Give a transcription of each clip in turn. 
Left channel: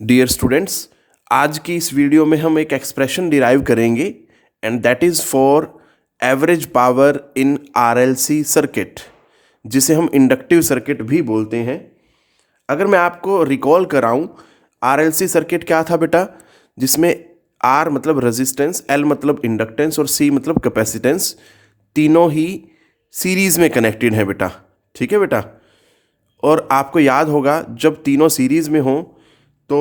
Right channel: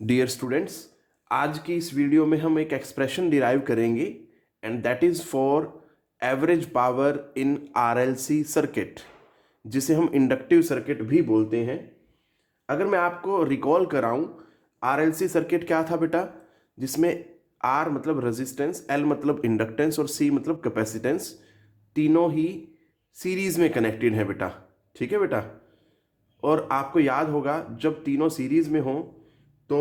Dear students, आज की इस वीडियो में हम एक एक्सप्रेशन डिराइव करेंगे and that is for average power in RLC circuit, जिसे हम इंडक्टिव सर्किट भी बोलते हैं। अगर मैं आपको रिकॉल कराऊं, आरएलसी सर्किट क्या था बेटा, जिसमें आर मतलब रेजिस्टेंस, एल मतलब इंडक्टेंस और सी मतलब कैपेसिटेंस, तीनों ही सीरीज में कनेक्टेड है बेटा। ठीक है बेटा। और आपको याद होगा जब तीनों सीरीज में हों तो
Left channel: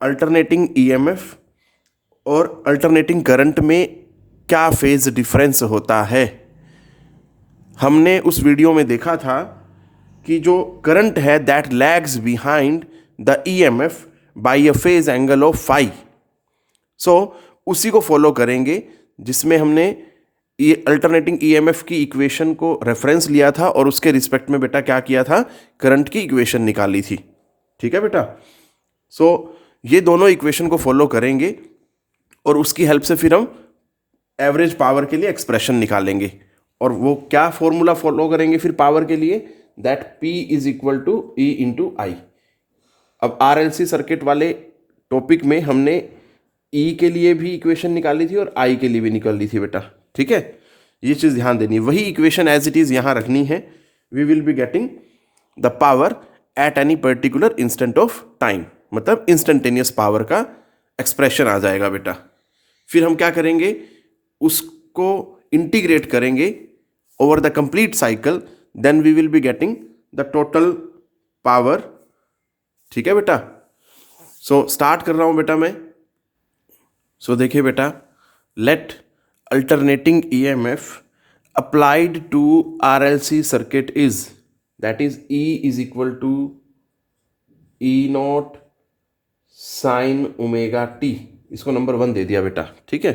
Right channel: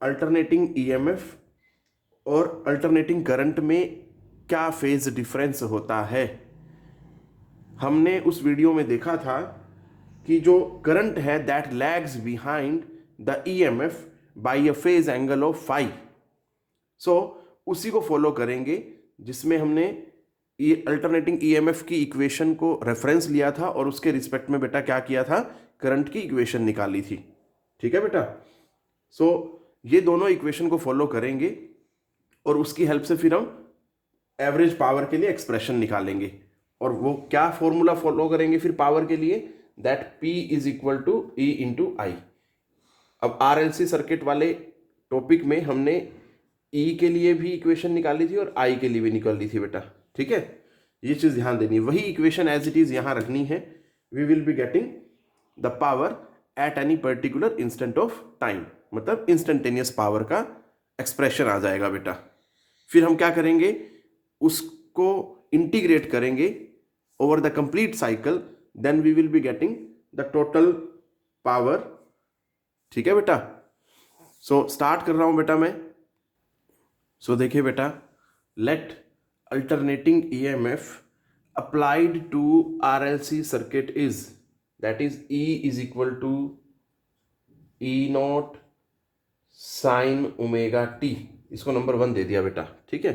अल्टरनेटिंग ईएमएफ और अल्टरनेटिंग करंट में क्या फेज डिफरेंस होता है। हमने उस वीडियो में देखा था कि जो करंट है that lags behind the EMF by a phase angle of phi. So उसी को फॉलो करेंगे जिसमें हमने ये अल्टरनेटिंग ईएमएफ की इक्वेशन को रेफरेंस लिया था और उसके रिस्पेक्ट में बेटा क्या किया था, करंट की इक्वेशन निकाली थी। ठीक है बेटा। सो ये दोनों इक्वेशन को फॉलो करेंगे और उसकी हेल्प से फिर हम एवरेज पावर के लिए एक्सप्रेशन निकालेंगे। और वो क्या फॉर्मूला फॉलो करेंगे फिर पावर के लिए, that P is equal to E into I. अब आरएलसी सर्किट वाले टॉपिक में हमने E के लिए भी इक्वेशन निकाली थी और I के लिए भी निकाली थी बेटा। ठीक है, ये चीज़ ध्यान देनी है। वही इक्वेशन एज इट इज़ यहाँ रखनी है। We will be getting the power at any particular instant of time, मतलब इंस्टेंटेनियस पावर का एक्सप्रेशन आ जाएगा बेटा। फिर हम क्या करेंगे, उसको इंटीग्रेट करेंगे over the complete cycle, then we will be getting the total power. ठीक है बेटा। सो स्टार्ट कर रहा हूं बेटा मैं। सो देखिए बेटा, let alternating EMF applied to RLC circuit is, that is E is equal to E not sine omega t. इसको नंबर 1 दे दिया बेटा। ठीक है।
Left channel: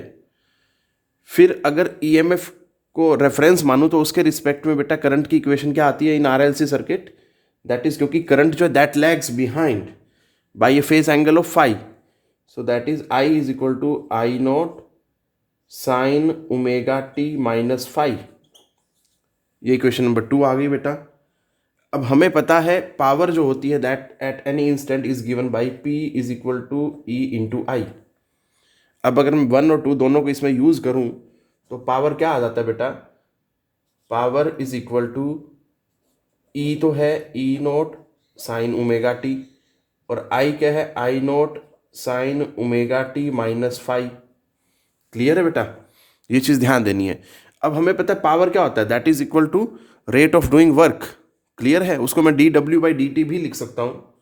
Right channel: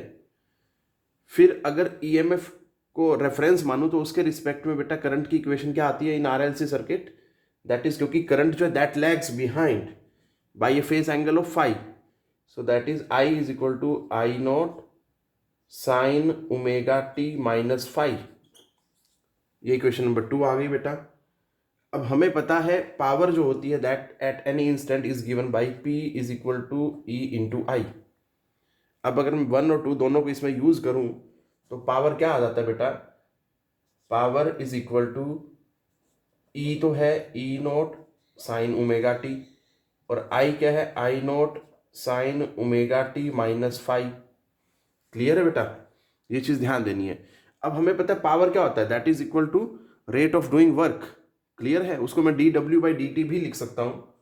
फिर अगर ईएमएफ को रेफरेंस मानूं तो उसके रिस्पेक्ट में बेटा करंट की इक्वेशन क्या आती है in RLC circuit, that is, क्योंकि करंट जो है that lags behind by a phase angle of phi, so that is I is equal to I not sine omega t minus phi. ये equation number 2 आ गई बेटा। अब हमें पता है पावर जो होती है that at any instant is given by P is equal to E into I. अब अगर मैं 1 और 2 दोनों को इसमें यूज करूं तो पावर क्या आ जाता है बेटा, power is equal to E तो है E note sine omega t, और I क्या है I not sine omega t minus five. Clear है बेटा, ये चीज़ ध्यान देनी है। अब हमें पता है पावर क्या होता है, that is equal to rate of doing work. Clear है, उसको मैं dW/dt भी लिख सकता हूँ।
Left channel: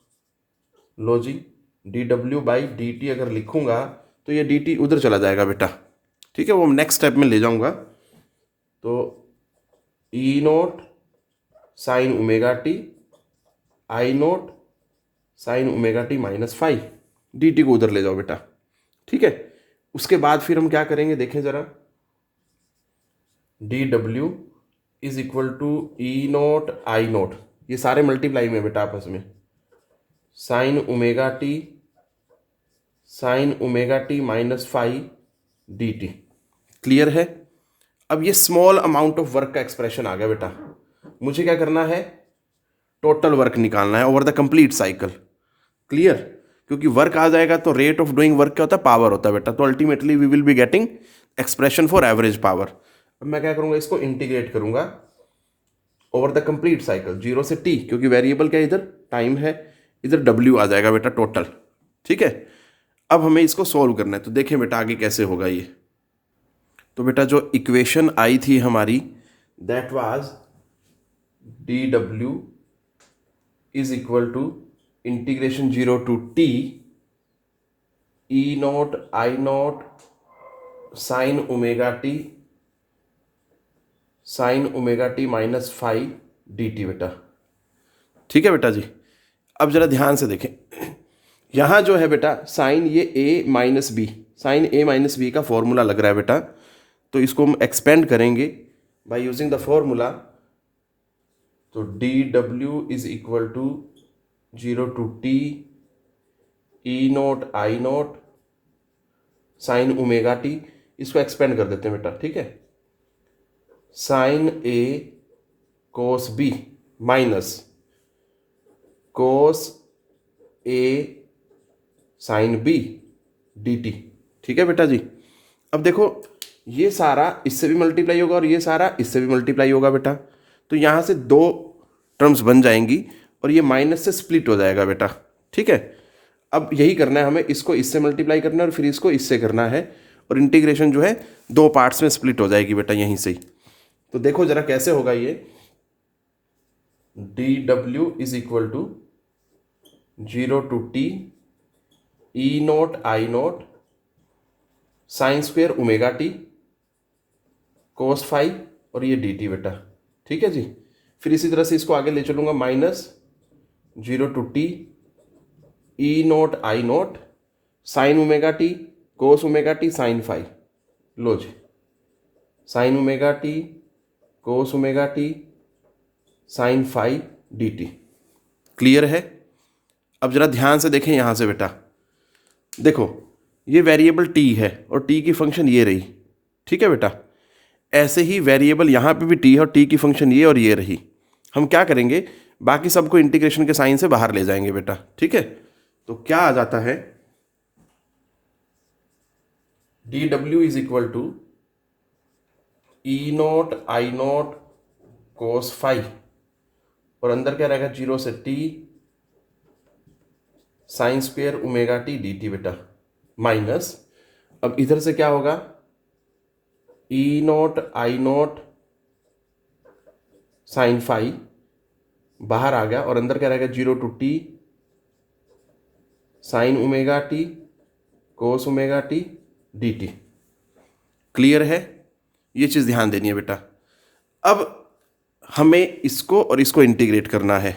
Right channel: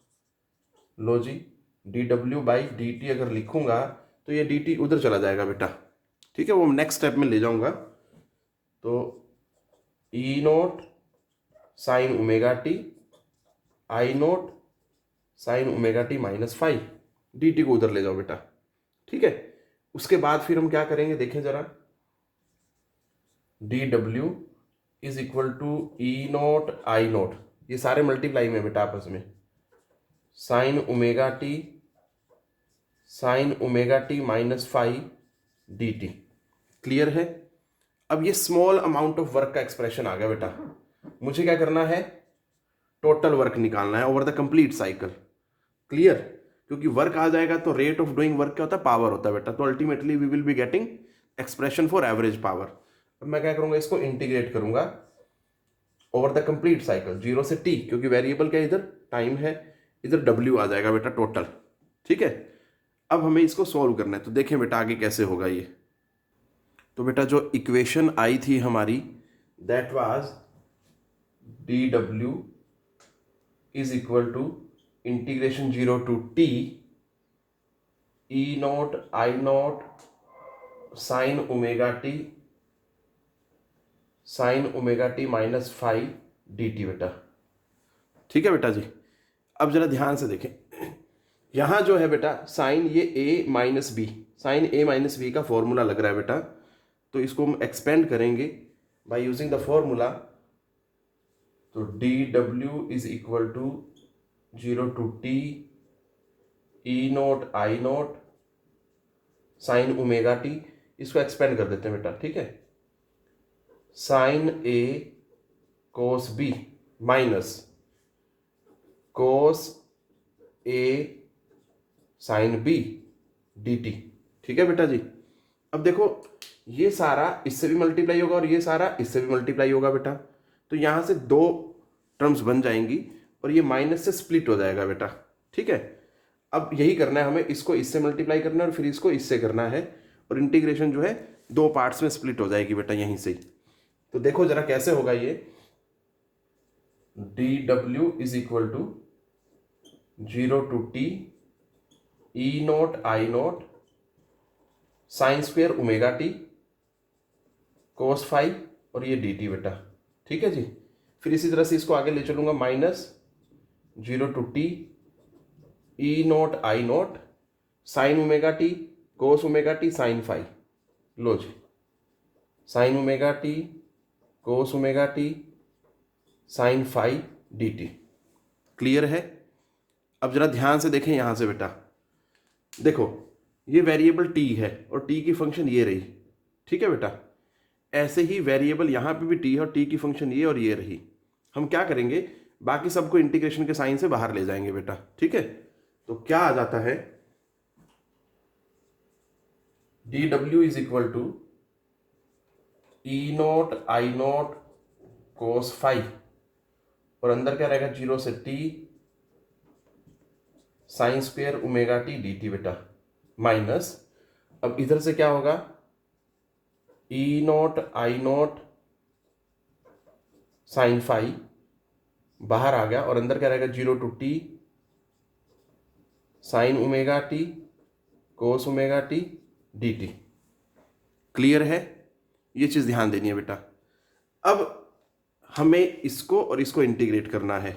लो जी, dW/dt अगर लिखूंगा तो ये dt उधर चला जाएगा बेटा। ठीक है, वो नेक्स्ट स्टेप में ले जाऊंगा। तो E note sine omega t, I note sine omega t minus five, D t को उधर ले जाओ बेटा। ठीक है, उसके बाद फिर हम क्या करेंगे देखें जरा, D W is equal to E not I not, ये सारे मल्टीप्लाई में बेटा आपस में, sine omega t minus five D T. Clear है। अब ये स्मॉल अमाउंट ऑफ वर्क का एक्सप्रेशन आ गया बेटा। मुझे क्या करना है, टोटल वर्क निकालना है over the complete cycle. Clear, क्योंकि वर्क आ जाएगा तो रेट ऑफ डूइंग वर्क क्या होता है, पावर होता है बेटा। तो ultimately we will be getting expression for average power. अब मैं क्या करूंगा, इसको इंटीग्रेट करूंगा ओवर द कंप्लीट साइकिल 0 से T, क्योंकि वेरिएबल क्या इधर टाइम है, इधर W आ जाएगा बेटा टोटल। ठीक है। अब हमें इसको सॉल्व करना है, तो देखें बेटा आगे कैसे होगा ये। तो बेटा जो इक्वेशन आई थी हमारी, that was dW is equal to integration 0 to T E not I not sine omega t minus five D T बेटा। ठीक है बेटा जी। अब जरा ध्यान से देखें, यहाँ जो है बेटा साइन ये A minus B, sine A minus B का फॉर्मूला लग रहा है बेटा। तो इसको हम एक्सपेंड करेंगे बाय यूजिंग द फॉर्मूला। तो D W is equal to 0 to T E not I note sine omega t, इसको एक्सपेंड कर देते हैं बेटा। ठीक है, sine A cos B minus cos A sine B D T. ठीक है बेटा जी। अब देखो ये सारा इससे भी मल्टीप्लाई होगा और ये सारा इससे भी मल्टीप्लाई होगा बेटा, तो यहाँ से दो टर्म्स बन जाएंगी और ये माइनस से स्प्लिट हो जाएगा बेटा। ठीक है, अब यही करना है हमें, इसको इससे मल्टीप्लाई करना है और फिर इसको इससे करना है, और इंटीग्रेशन जो है दो पार्ट्स में स्प्लिट हो जाएगी बेटा यहीं से ही। तो देखो जरा कैसे होगा ये, D W is equal to 0 to t E note I note sine square omega t cos five और ये डी टी बेटा। ठीक है जी। फिर इसी तरह से इसको आगे ले चलूंगा, -0 to t E note I note sine omega t cos omega t sine five. लो जी, sine omega t cos omega t sine five D T. Clear है? अब जरा ध्यान से देखें यहाँ से बेटा, देखो ये वेरिएबल t है और t की फंक्शन ये रही। ठीक है बेटा, ऐसे ही वेरिएबल यहाँ पे भी t है और t की फंक्शन ये और ये रही। हम क्या करेंगे, बाकी सबको इंटीग्रेशन के साइन से बाहर ले जाएंगे बेटा। ठीक है, तो क्या आ जाता है, D W is equal to E note I note cos five और अंदर क्या रहेगा 0 से t sine square omega t D T बेटा, माइनस अब इधर से क्या होगा, E note I note sine five बाहर आ गया और अंदर क्या रहेगा 0 to t sign omega t cos omega t D T. Clear है? ये चीज़ ध्यान देनी है बेटा। अब हमें इसको और इसको इंटीग्रेट करना है।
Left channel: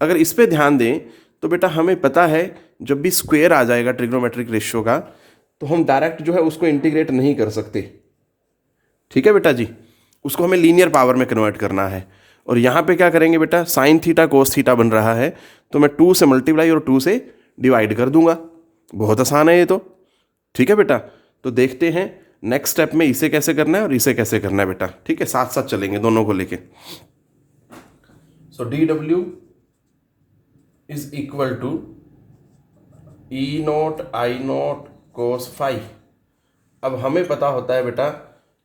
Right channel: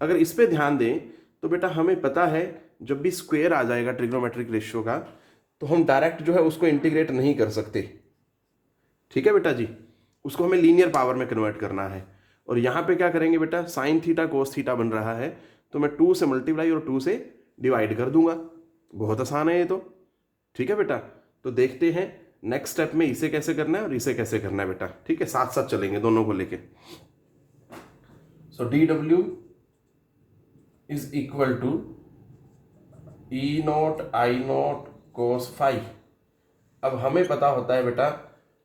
अगर इस पे ध्यान दें तो बेटा हमें पता है जब भी स्क्वायर आ जाएगा ट्रिग्नोमेट्रिक रेशियो का तो हम डायरेक्ट जो है उसको इंटीग्रेट नहीं कर सकते। ठीक है बेटा जी, उसको हमें लीनियर पावर में कन्वर्ट करना है। और यहाँ पे क्या करेंगे बेटा, साइन थीटा कोस थीटा बन रहा है तो मैं 2 से मल्टीप्लाई और 2 से डिवाइड कर दूंगा। बहुत आसान है ये तो। ठीक है बेटा, तो देखते हैं नेक्स्ट स्टेप में इसे कैसे करना है और इसे कैसे करना है बेटा। ठीक है, साथ साथ चलेंगे दोनों को लेके। So d W is equal to E note I note cos five. अब हमें पता होता है बेटा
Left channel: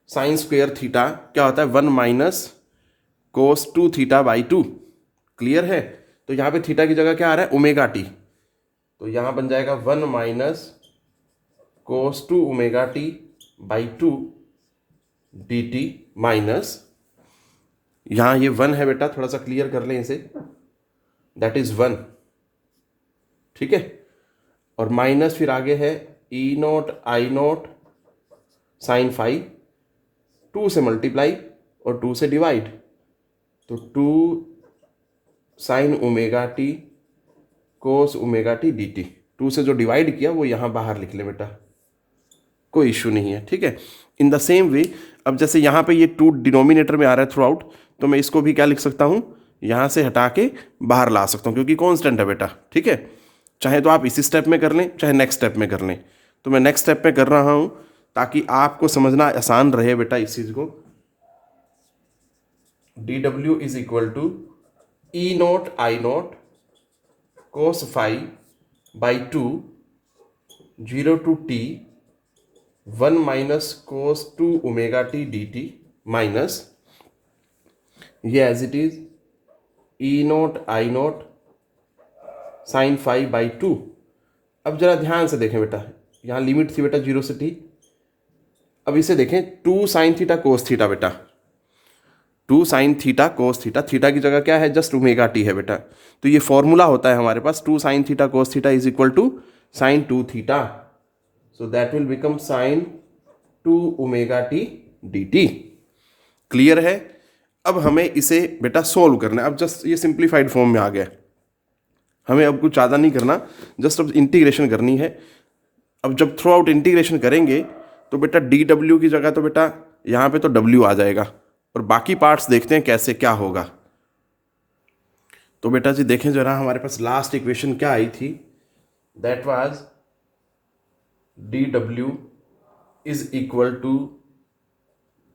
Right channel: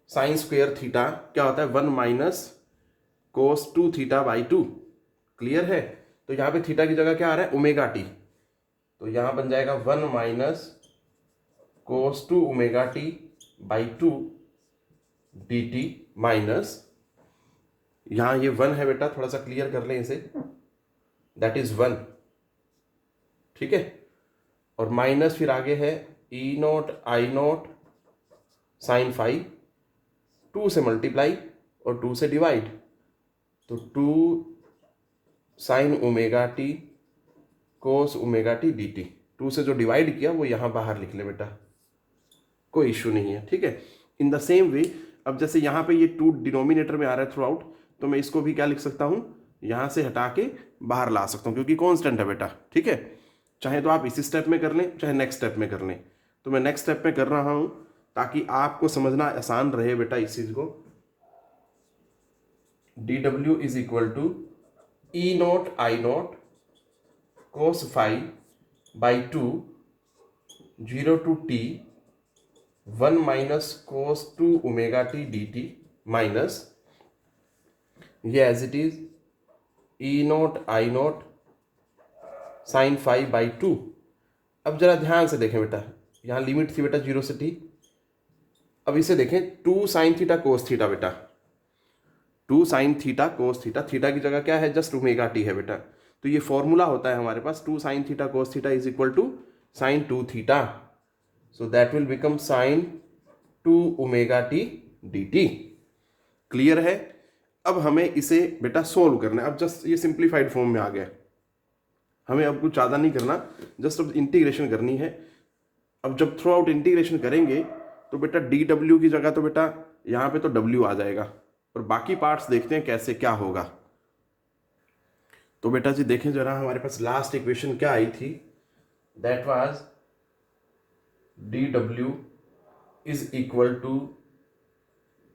साइन स्क्वेयर थीटा क्या होता है, 1 minus cos 2 theta by 2। Clear है? तो यहाँ पे थीटा की जगह क्या आ रहा है, ओमेगा टी, तो यहाँ बन जाएगा 1 minus cos 2 omega t by 2 D T minus, यहाँ ये 1 है बेटा, थोड़ा सा क्लियर कर लें इसे, दैट इज 1। ठीक है, और माइनस फिर आगे है E note I note sine five, 2 से मल्टीप्लाई और 2 से डिवाइड, तो 2 sign omega t cos omega t D T. 2 से जो डिवाइड किया वो यहाँ बाहर लिख ले बेटा, कोई इश्यू नहीं है। ठीक है, इन द सेम वे अब जैसे यहाँ पे ये 2 डिनोमिनेटर में आ रहा है थ्रू आउट, तो मैं इसको भी क्या लिख सकता हूँ, यहाँ से हटा के बाहर ला सकता हूँ क्योंकि कॉन्स्टेंट है बेटा। ठीक है, चाहे तो आप इसी स्टेप में कर लें चाहे नेक्स्ट स्टेप में कर लें, तो मैं नेक्स्ट स्टेप में कर रहा हूँ ताकि आपको समझना आसान रहे बेटा इस चीज़ को। D W is equal to E note I note cos five by 2 0 to t 1 minus cos 2 omega t D T minus ये as it is E note I note sine five by 2। अब जरा ध्यान से देखें बेटा, यहाँ limit थी बेटा 0 से t। अब इसे देखें 2 साइन थीटा कोस थीटा बेटा, 2 sine theta cos theta, theta की जगह क्या है, जस्ट ओमेगा टी है बेटा। तो ये फॉर्मूला होता है हमारे पास 2 sine theta cos theta is equal to sine 2 theta, so that will become sine 2 omega t D T. Clear है? अब हमें इसे बेटा सोल्व करना है। अब जस्ट ये सिंप्लीफाइड फॉर्म में आ गया, हमें अब कुछ ज़्यादा नहीं करना, जस्ट अब इंटीग्रेशन करनी है। अब जब थ्रू आउट इंटीग्रेशन करेंगे तो बेटा डी डब्ल्यू की जगह तो बेटा यहाँ पे तो डब्ल्यू आ जाएगा और बाकी पार्ट्स देखते हैं कैसे क्या होगा। तो बेटा जी देखें जरा, हमारे पास लास्ट इक्वेशन क्या आई थी, that was D W is equal to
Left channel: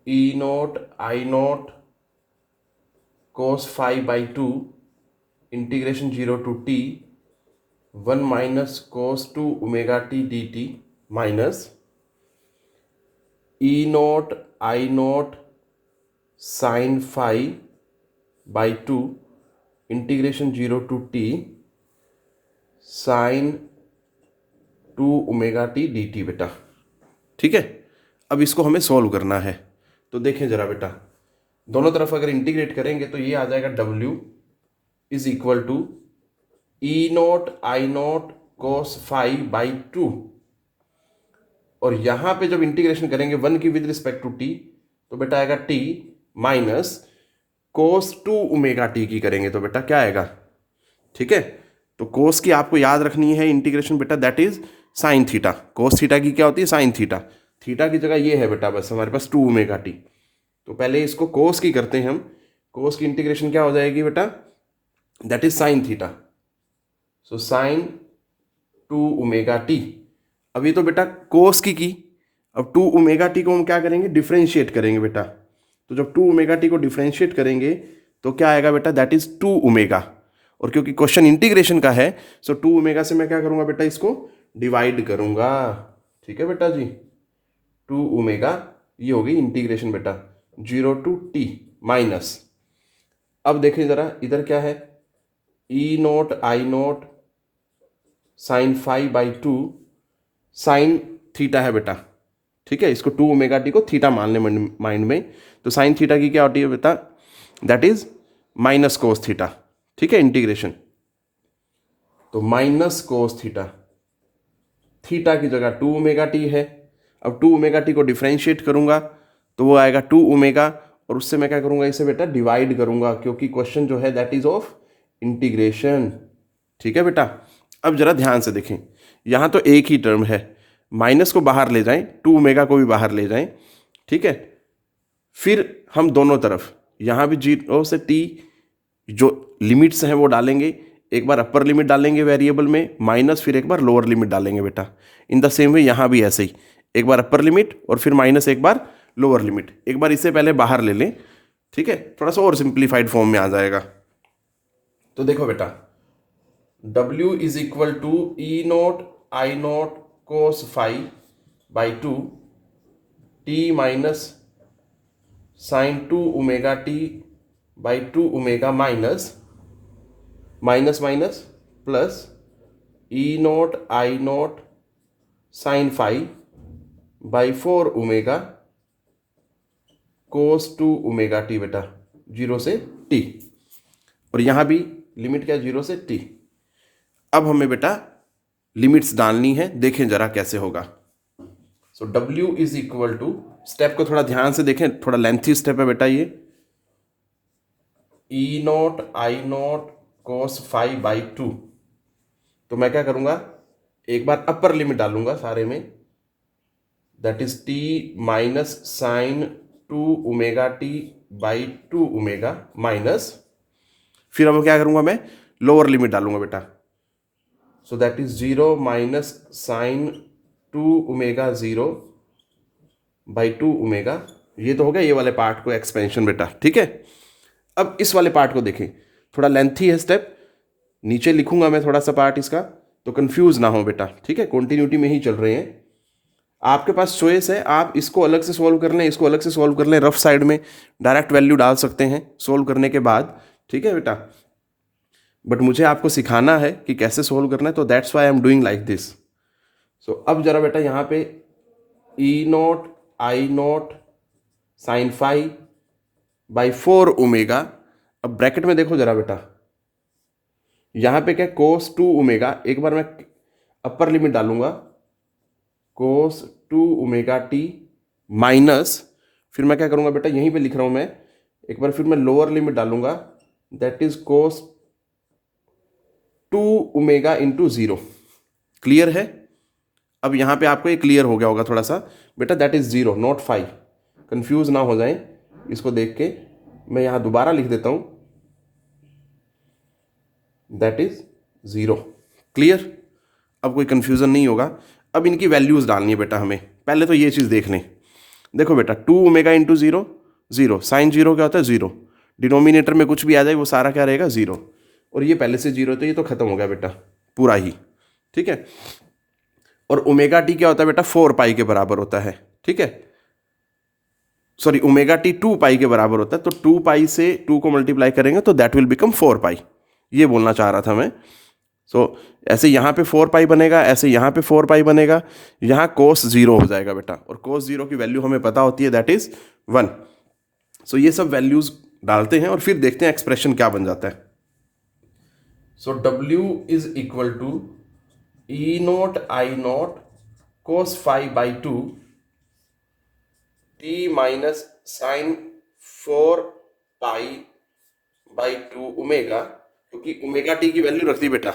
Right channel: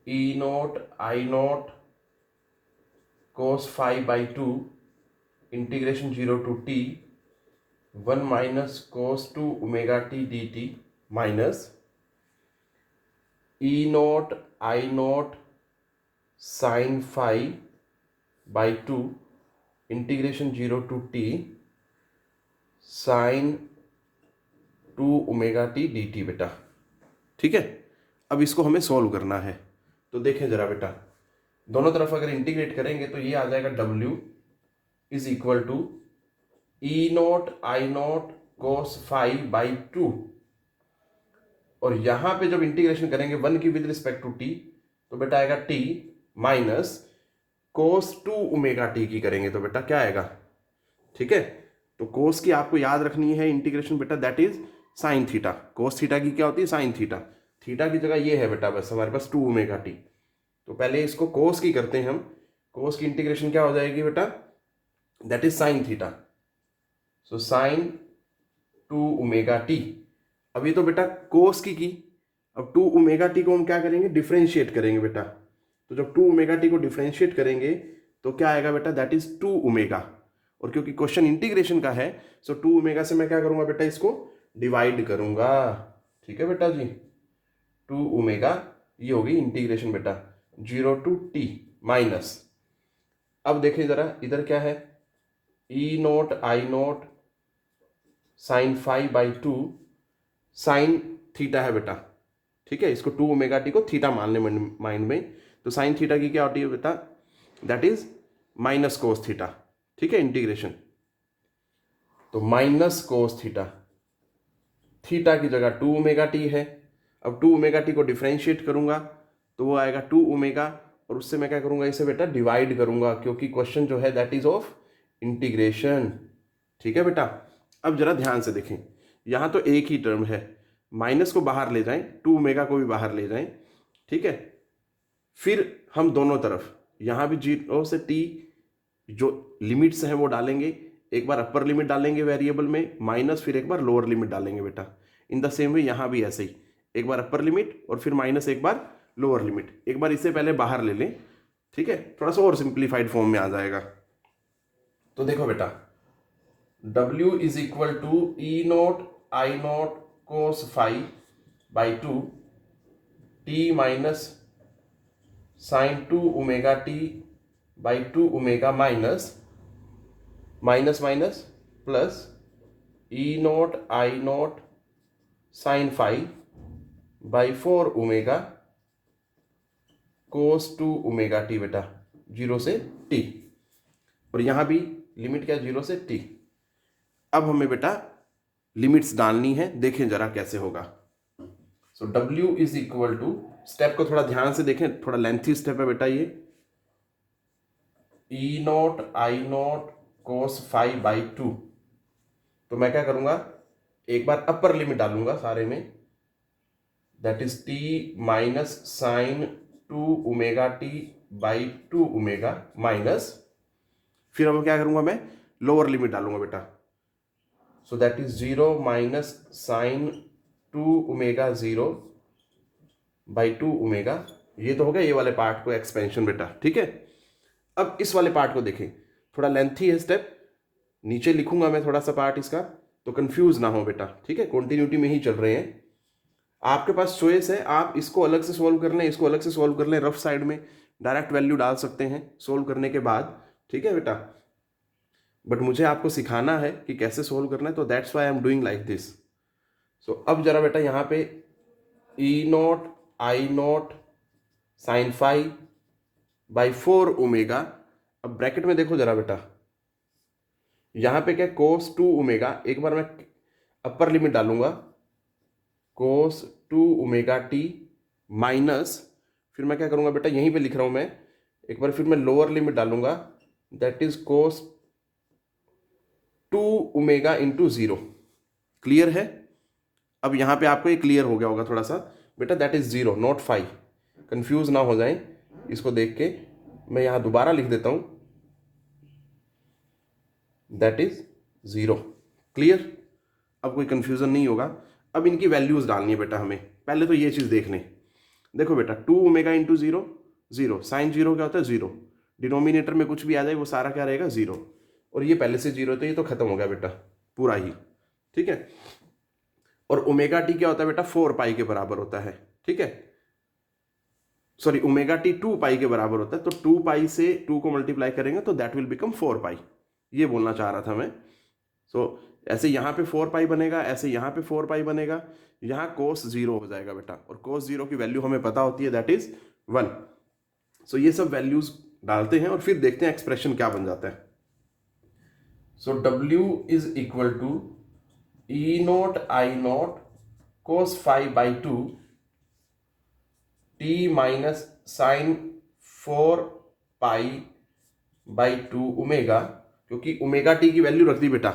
E note I note cos 5 by 2 integration 0 to t one minus cos two omega t D T minus E note I note sine phi by two integration zero to T sine two omega t D T बेटा। ठीक है, अब इसको हमें solve करना है। तो देखें जरा बेटा, दोनों तरफ अगर इंटीग्रेट करेंगे तो ये आ जाएगा W is equal to E note I note cos five by two, और यहां पे जब इंटीग्रेशन करेंगे वन की विद रिस्पेक्ट टू टी तो बेटा आएगा T minus cos two omega t की करेंगे तो बेटा क्या आएगा। ठीक है, तो कोस की आपको याद रखनी है इंटीग्रेशन बेटा, that is sine theta. Cos theta की क्या होती है, साइन थीटा। थीटा की जगह ये है बेटा बस हमारे पास टू ओमेगा टी। तो पहले इसको कोस की करते हैं हम। कोस की इंटीग्रेशन क्या हो जाएगी बेटा, that is sine theta. So sine two omega T. अभी तो बेटा कोस की, अब टू ओमेगा टी को हम क्या करेंगे, डिफ्रेंशिएट करेंगे बेटा। तो जब टू ओमेगा टी को डिफ्रेंशिएट करेंगे तो क्या आएगा बेटा, दैट इज टू ओमेगा। और क्योंकि क्वेश्चन इंटीग्रेशन का है सो टू ओमेगा से मैं क्या करूंगा बेटा, इसको डिवाइड करूंगा। ठीक है बेटा जी, टू ओमेगा ये होगी इंटीग्रेशन बेटा जीरो टू टी माइनस, अब देखें जरा इधर क्या है, E note I note sine five by two sine theta है बेटा। ठीक है, इसको टू ओमेगा टी को थीटा मान लें माइंड में। तो साइन थीटा की क्या होती है बेटा, that is minus cos theta. ठीक है, इंटीग्रेशन तो माइनस कोस थीटा, थीटा की जगह टू ओमेगा टी है। अब टू ओमेगा टी को डिफ्रेंशिएट करूंगा तो वो आएगा टू ओमेगा, और उससे मैं क्या करूंगा, इसे बेटा डिवाइड करूंगा, क्योंकि क्वेश्चन जो है दैट इज ऑफ इंटीग्रेशन। ठीक है बेटा, अब जरा ध्यान से देखें, यहां तो एक ही टर्म है, माइनस को बाहर ले जाएं, टू ओमेगा को भी बाहर ले जाएं। ठीक है, फिर हम दोनों तरफ यहां भी जीरो से टी जो लिमिट्स हैं वो डालेंगे। एक बार अपर लिमिट डालेंगे वेरिएबल में माइनस, फिर एक बार लोअर लिमिट डालेंगे बेटा। इन द सेम वे यहाँ भी ऐसे ही, एक बार अपर लिमिट और फिर माइनस एक बार लोअर लिमिट। एक बार इसे पहले बाहर ले लें। ठीक है, थोड़ा सा और सिंप्लीफाइड फॉर्म में आ जाएगा। तो देखो बेटा, W is equal to E note I note cos five by two T minus sine two omega t by two omega minus minus minus plus E note I note sine five by four omega cos two omega t बेटा, zero से T, और यहां भी limit क्या, zero से T. अब हमें बेटा लिमिट्स डालनी है, देखें जरा कैसे होगा। So W is equal to, step को थोड़ा ध्यान से देखें, थोड़ा लेंथी स्टेप है बेटा ये, E note I note cos five by two. तो मैं क्या करूंगा, एक बार अपर लिमिट डालूंगा सारे में, that is T minus sine two omega t by two omega minus, फिर अब क्या करूंगा मैं, लोअर लिमिट डालूंगा बेटा। सो that is zero minus sine two omega zero by two omega. ये तो हो गया ये वाले पार्ट को एक्सपेंशन बेटा। ठीक है, अब इस वाले पार्ट को देखें, थोड़ा लेंथी है स्टेप, नीचे लिखूंगा मैं थोड़ा सा पार्ट इसका, तो कंफ्यूज ना हो बेटा। ठीक है, कॉन्टिन्यूटी में ही चल रहे हैं, आपके पास चॉइस है, आप इसको अलग से सॉल्व कर लें, इसको अलग से सॉल्व कर लें, रफ साइड में डायरेक्ट वैल्यू डाल सकते हैं सॉल्व करने के बाद। ठीक है बेटा, बट मुझे आपको सिखाना है कि कैसे सॉल्व करना है, तो that's why I am doing like this. So अब जरा बेटा यहाँ पे E note I note sine five by four omega, अब ब्रैकेट में देखो जरा बेटा, यहाँ पे क्या, कोस टू ओमेगा, एक बार मैं अपर लिमिट डालूंगा, कोस टू ओमेगा टी माइनस, फिर मैं क्या करूंगा बेटा, यहीं पे लिख रहा हूं मैं, एक बार फिर मैं लोअर लिमिट डालूंगा, that is cos two omega into zero. Clear है, अब यहां पे आपको ये क्लियर हो गया होगा थोड़ा सा बेटा, that is zero not five, confuse ना हो जाएं। इसको देख के मैं यहां दोबारा लिख देता हूं, दैट इज जीरो। क्लियर, अब कोई कंफ्यूजन नहीं होगा। अब इनकी वैल्यूज डालनी है बेटा हमें, पहले तो ये चीज देख लें। देखो बेटा, two omega into zero, zero, sine zero क्या होता है, जीरो, डिनोमिनेटर में कुछ भी आ जाए वो सारा क्या रहेगा, जीरो, और ये पहले से जीरो, तो ये तो खत्म हो गया बेटा। पूरा ही, ठीक है। और ओमेगा टी क्या होता है बेटा, 4 पाई के बराबर होता है, ठीक है। सॉरी, ओमेगा टी 2 पाई के बराबर होता है, तो 2 पाई से 2 को मल्टीप्लाई करेंगे तो दैट विल बिकम 4 पाई, ये बोलना चाह रहा था मैं। सो ऐसे यहाँ पे 4 पाई बनेगा, ऐसे यहाँ पे 4 पाई बनेगा, यहाँ कोस 0 हो जाएगा बेटा, और कोस 0 की वैल्यू हमें पता होती है, दैट इज 1। सो ये सब वैल्यूज डालते हैं और फिर देखते हैं एक्सप्रेशन क्या बन जाता है। So W is equal to E note I note cos 5/2 t minus sine 4 पाई/2 ओमेगा, क्योंकि ओमेगा टी की वैल्यू रख दी बेटा।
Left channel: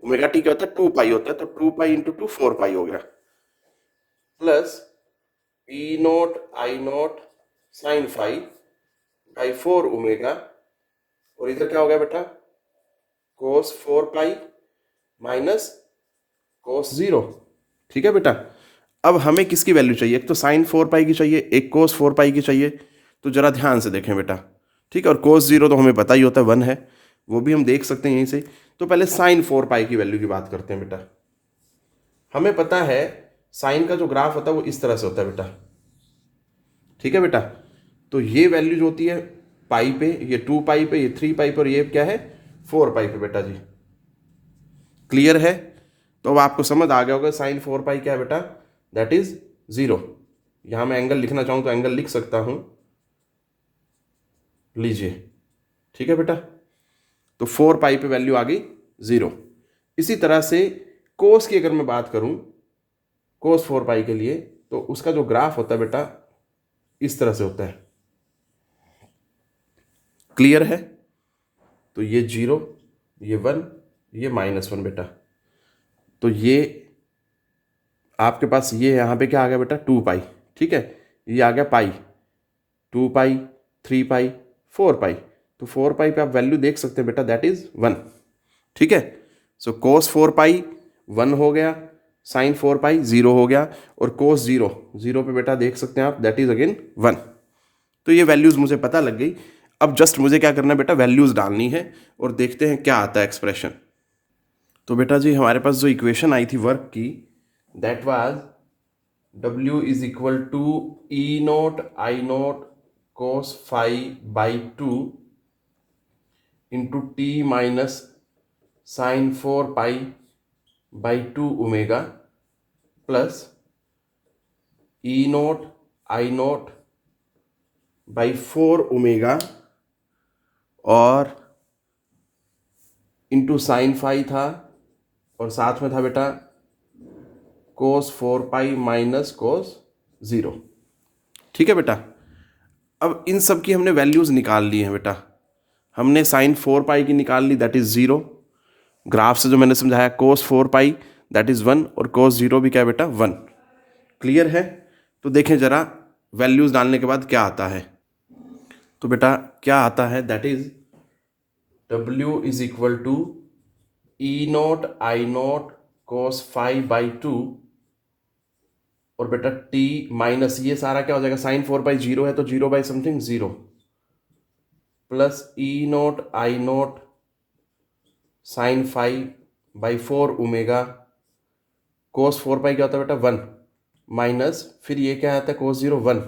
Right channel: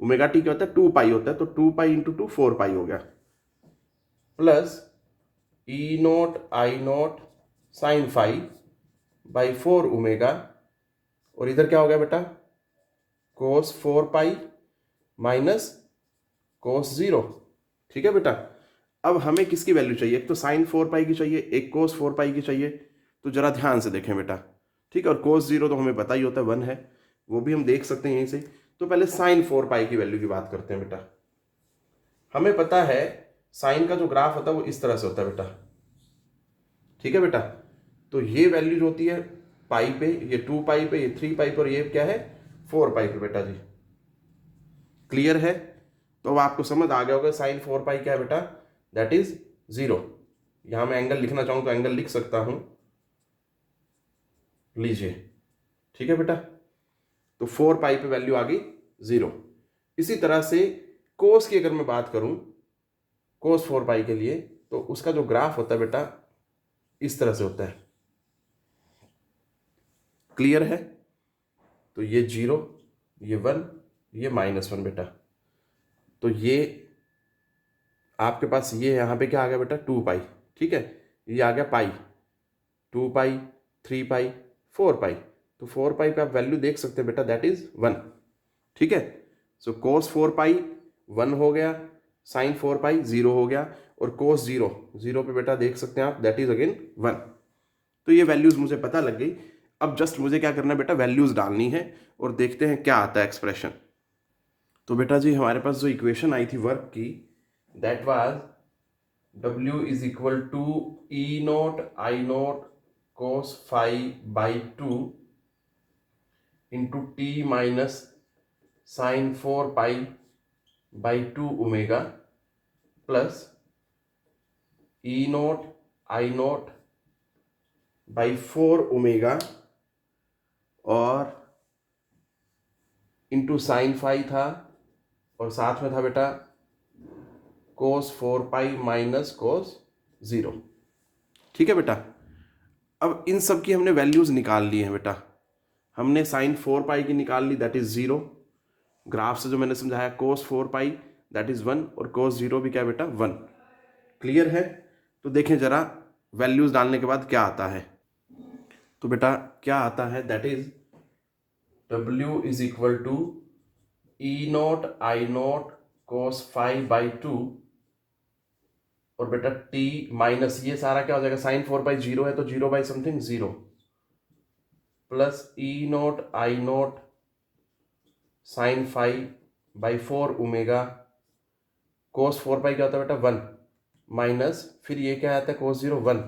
ओमेगा टी क्या होता है, 2 पाई होता है, तो 2 पाई इंटू 2 4 पाई हो गया, plus E note I note sine 5/4 omega, और इधर क्या हो गया बेटा, कोस 4 पाई माइनस कोस 0, ठीक है बेटा। अब हमें किसकी वैल्यू चाहिए, एक तो साइन 4 पाई की चाहिए, एक कोस 4 पाई की चाहिए, तो जरा ध्यान से देखें बेटा, ठीक है। और कोस 0 तो हमें पता ही होता है 1 है, वो भी हम देख सकते हैं यहीं से। तो पहले साइन 4 पाई की वैल्यू की बात करते हैं बेटा। हमें पता है साइन का जो ग्राफ होता है वो इस तरह से होता है बेटा, ठीक है बेटा। तो ये वैल्यू जो होती है पाई पे, ये 2 पाई पे, ये 3 पाई पे, और ये क्या है 4 पाई पे बेटा जी। क्लियर है? तो अब आपको समझ आ गया होगा साइन 4 पाई क्या है बेटा, दैट इज 0। यहां मैं एंगल लिखना चाहूं तो एंगल लिख सकता हूं, लीजिए, ठीक है बेटा। तो 4 पाई पे वैल्यू आ गई 0। इसी तरह से कोस की अगर मैं बात करूं, कोस 4 पाई के लिए, तो उसका जो ग्राफ होता है बेटा इस तरह से होता है। क्लियर है? तो ये 0, ये 1, ये -1 बेटा। तो ये आपके पास ये यहाँ पे क्या आ गया बेटा, 2 पाई, ठीक है। ये आ गया पाई, 2 पाई, 3 पाई, 4 पाई। तो 4 पाई पे आप वैल्यू देख सकते हैं बेटा, दैट इज 1, ठीक है। सो कोस 4 पाई 1 हो गया, साइन 4 पाई 0 हो गया, और कोस 0 पे बेटा देख सकते हैं आप, दैट इज अगेन 1। तो ये वैल्यूज मुझे पता लग गई। अब जस्ट मुझे क्या करना है बेटा, वैल्यूज डालनी है और देखते हैं क्या आता है एक्सप्रेशन। तो बेटा जी हमारे पास जो इक्वेशन आई थी वर्क की, that was W is equal to E note I note cos 5/2 into t minus sine 4 पाई/2 omega, plus E note I naught by 4 omega, और इंटू साइन 5 था, और साथ में था बेटा कोस 4 पाई माइनस कोस 0, ठीक है बेटा। अब इन सब की हमने वैल्यूज निकाल ली हैं बेटा। हमने साइन 4 पाई की निकाल ली, दैट इज 0। ग्राफ से जो मैंने समझाया कोस 4 पाई दैट इज 1, और कोस 0 भी क्या बेटा 1। क्लियर है? तो देखें जरा वैल्यूज डालने के बाद क्या आता है। तो बेटा क्या आता है, that is W is equal to E note I note cos 5/2, और बेटा टी माइनस ये सारा क्या हो जाएगा, साइन 4 पाई 0 है तो 0 by something 0, plus E note I note sine 5/4 omega, cos 4 pi क्या होता है बेटा 1, माइनस फिर ये क्या आता है कोस 0 1,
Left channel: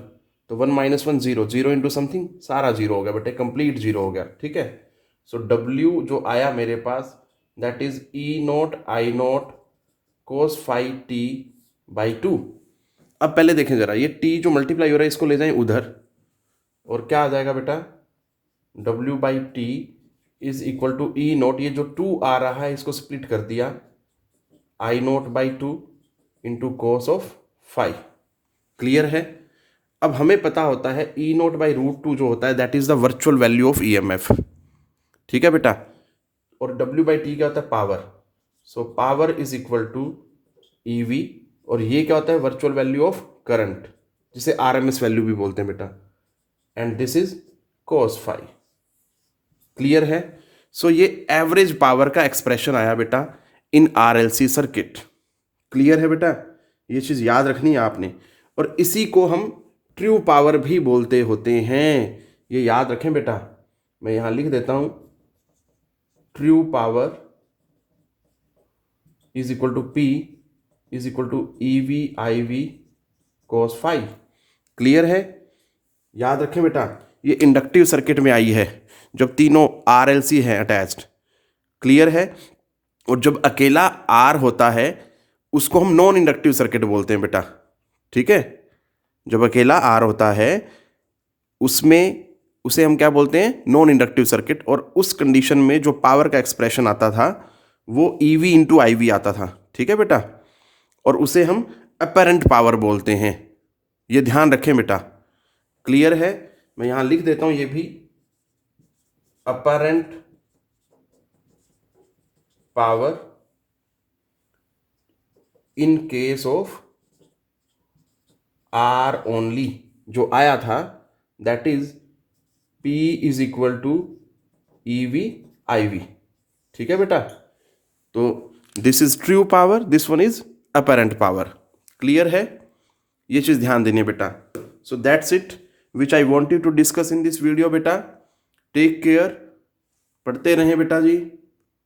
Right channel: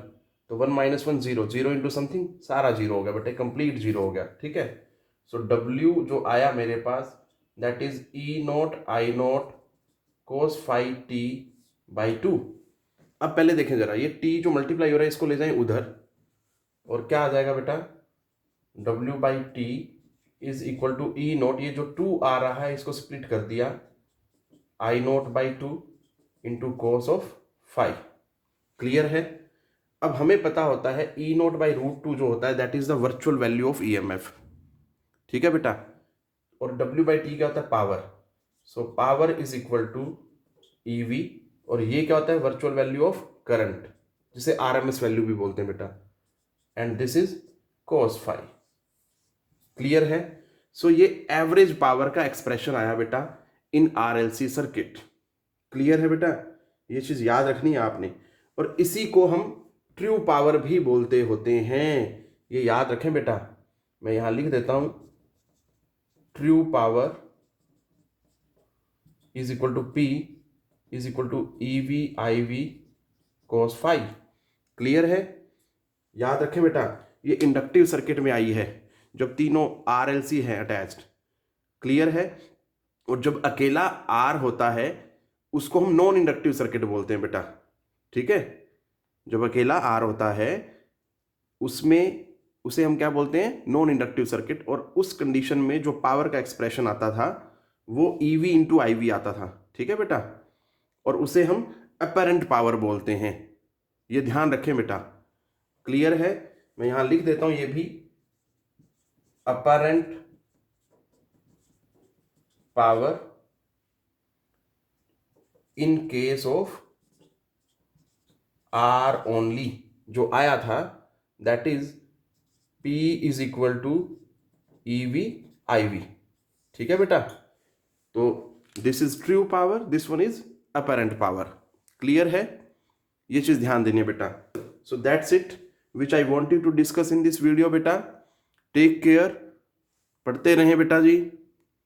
तो 1 - 1 0, 0 इंटू समथिंग सारा 0 हो गया बेटे, कंप्लीट 0 हो गया, ठीक है। सो W जो आया मेरे पास, that is E note I note cos 5t/2। अब पहले देखें जरा, ये t जो मल्टीप्लाई हो रहा है इसको ले जाएं उधर, और क्या आ जाएगा बेटा, W/t is equal to E not, ये जो 2 आ रहा है इसको स्प्लिट कर दिया, I0/2 into cos of 5। Clear है? अब हमें पता होता है E0/√2 जो होता है that is the virtual value of EMF, ठीक है बेटा। और W/t क्या होता है, power. So power is equal to EV, और ये क्या होता है, वर्चुअल वैल्यू ऑफ करंट, जिसे RMS वैल्यू भी बोलते हैं बेटा, and this is cos 5। Clear है? सो ये एवरेज पावर का एक्सप्रेशन आया बेटा इन RLC सर्किट। क्लियर है बेटा? ये चीज याद रखनी है आपने, और इसी को हम ट्रू पावर भी बोलते होते हैं, ये याद रखें बेटा। मैं यहां लिख देता हूं, true power is equal to P is equal to E V I V cos phi. Clear है? याद रखें बेटा, ये इंडक्टिव सर्किट में आई है जब तीनों RLC हैं अटैच्ड। क्लियर है? और जब अकेला R होता है उसको हम नॉन इंडक्टिव सर्किट बोलते हैं बेटा। ठीक है? जब अकेला R होता है उसमें उसे हम क्या बोलते हैं? Non inductive circuit. और उस कंडीशन में जो पावर का एक्सप्रेशन आता था वो EV इंटू IV आता था। ठीक है बेटा? और उसे हम अपरेंट पावर बोलते हैं। ये ध्यान रखें बेटा। क्लियर है? मैं यहां लिख देता हूं ये भी, apparent power in case of R only जो आया था, that is P is equal to EV IV। ठीक है बेटा? तो this is true power, this one is apparent power. Clear है? ये चीज ध्यान देनी है बेटा। So that's it which I want you to discuss in this video बेटा। टेक केयर, पढ़ते रहें बेटा जी।